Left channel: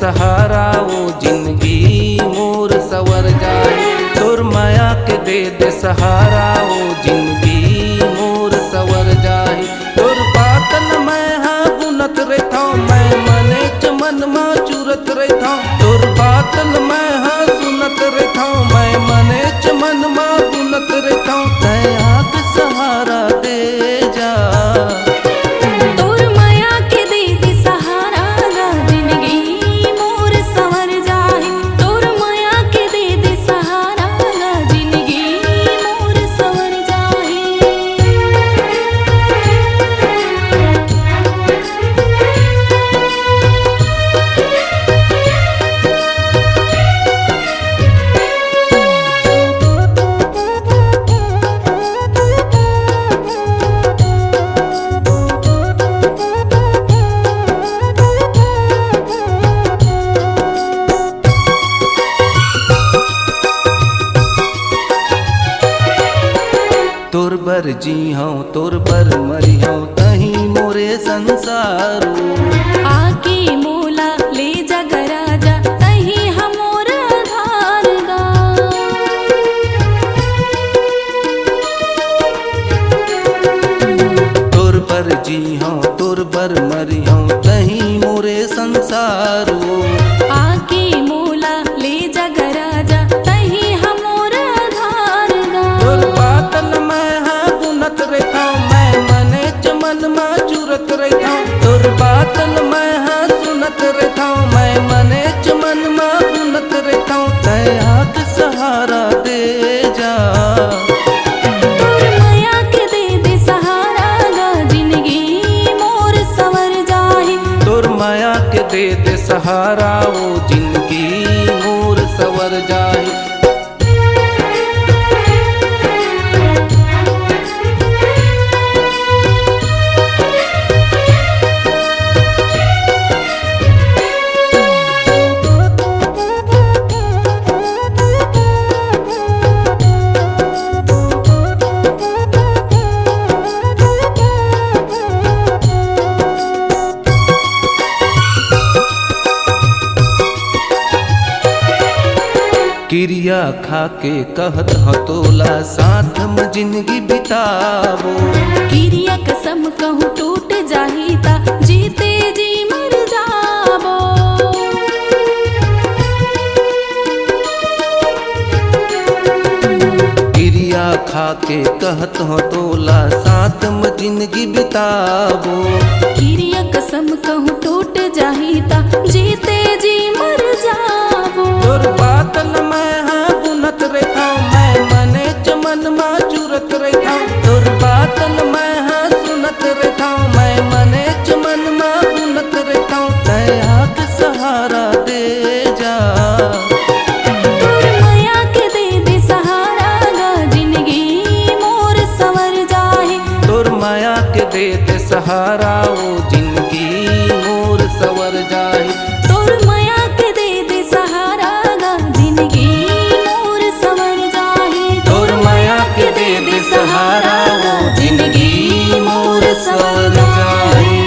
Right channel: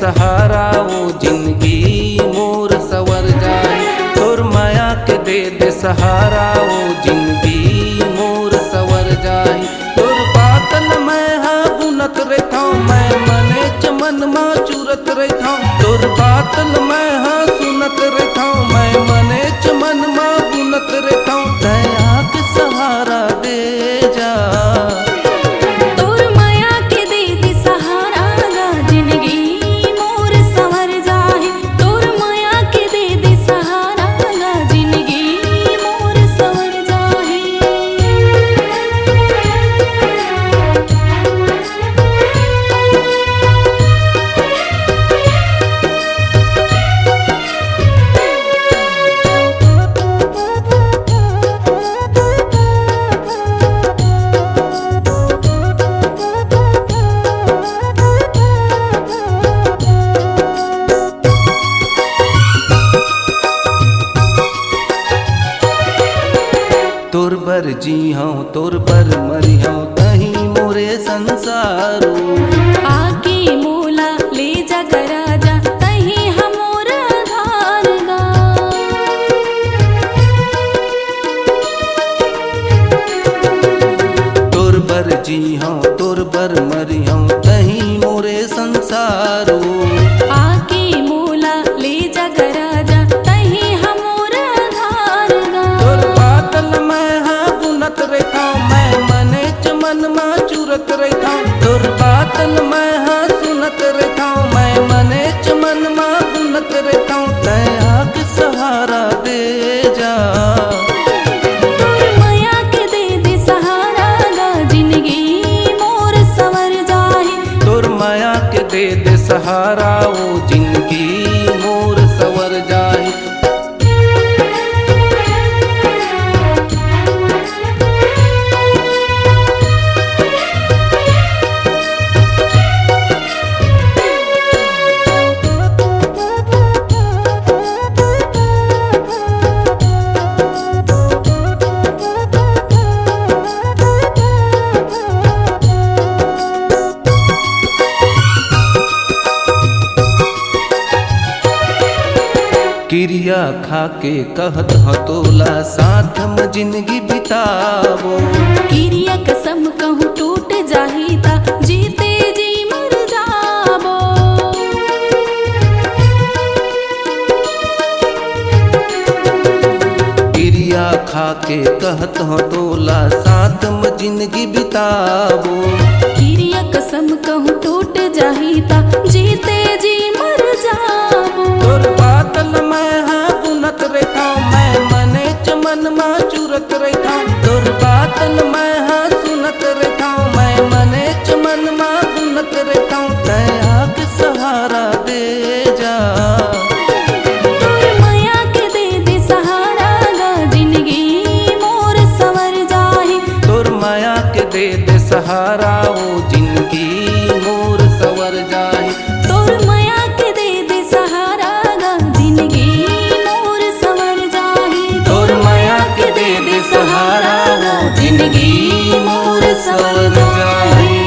सहारा वो जिंदगी मोर सवर जाई। तोर माया के दे सहारा वो जिंदगी मोर सवर जाई। तोर बातन मैं हाँ बुनत रहता मैं मने चमन माँ चूरत रहता। तोर बातन मैं हाँ सुनत रहता मैं मने चमन माँ बुनत रहता। दया के सहारा दे जा। तोर माया के दे सहारा गा जिंदगी मोर सवर जाही। तोर माया के दे सहारा गा जिंदगी मोर सवर जाही। तोर बर जी हूँ तोर बर मरी हूँ तही मोरे संसारो। आके मोला ले जा गराजा तही हमोर धार गा। तोर बर जी हूँ तोर बर मरी हूँ तही मोरे संसारो। आके मोला ले जा गराजा तही हमोर धार गा। तोर बातन मैं हाँ बुनत रहता मैं मने चमन माँ चूरत रहता। तोर बातन मैं हाँ सुनत रहता मैं मने चमन माँ बुनत रहता। दया के सहारा दे जा। तोर माया के दे सहारा गा जिंदगी मोर सवर जाही। तोर माया के दे सहारा वो जिंदगी मोर सवर जाही। क्रिया खा के कहत हतोला साथ में जिंदगी बितावो। क्रिया कसम कहूँ टूट जाही ता जीते जी मर जाबो। क्रिया खा के कहत हतोला साथ में जिंदगी बितावो। क्रिया कसम कहूँ टूट जाही ता जीते जी मर जाबो। तोर बातन मैं हाँ बुनत रहता मैं मने चमन माँ चूरत रहता। तोर बातन मैं हाँ सुनत रहता मैं मने चमन माँ बुनत रहता। दया के सहारा दे जा। तोर माया के दे सहारा गा जिंदगी मोर सवर जाही। तोर माया के दे सहारा वो जिंदगी मोर सवर जाही। तोर माया के दे सहारा गा जिंदगी मोर सवर जाही। तोर माया के दे सहारा वो जिंदगी मोर सवर जाही।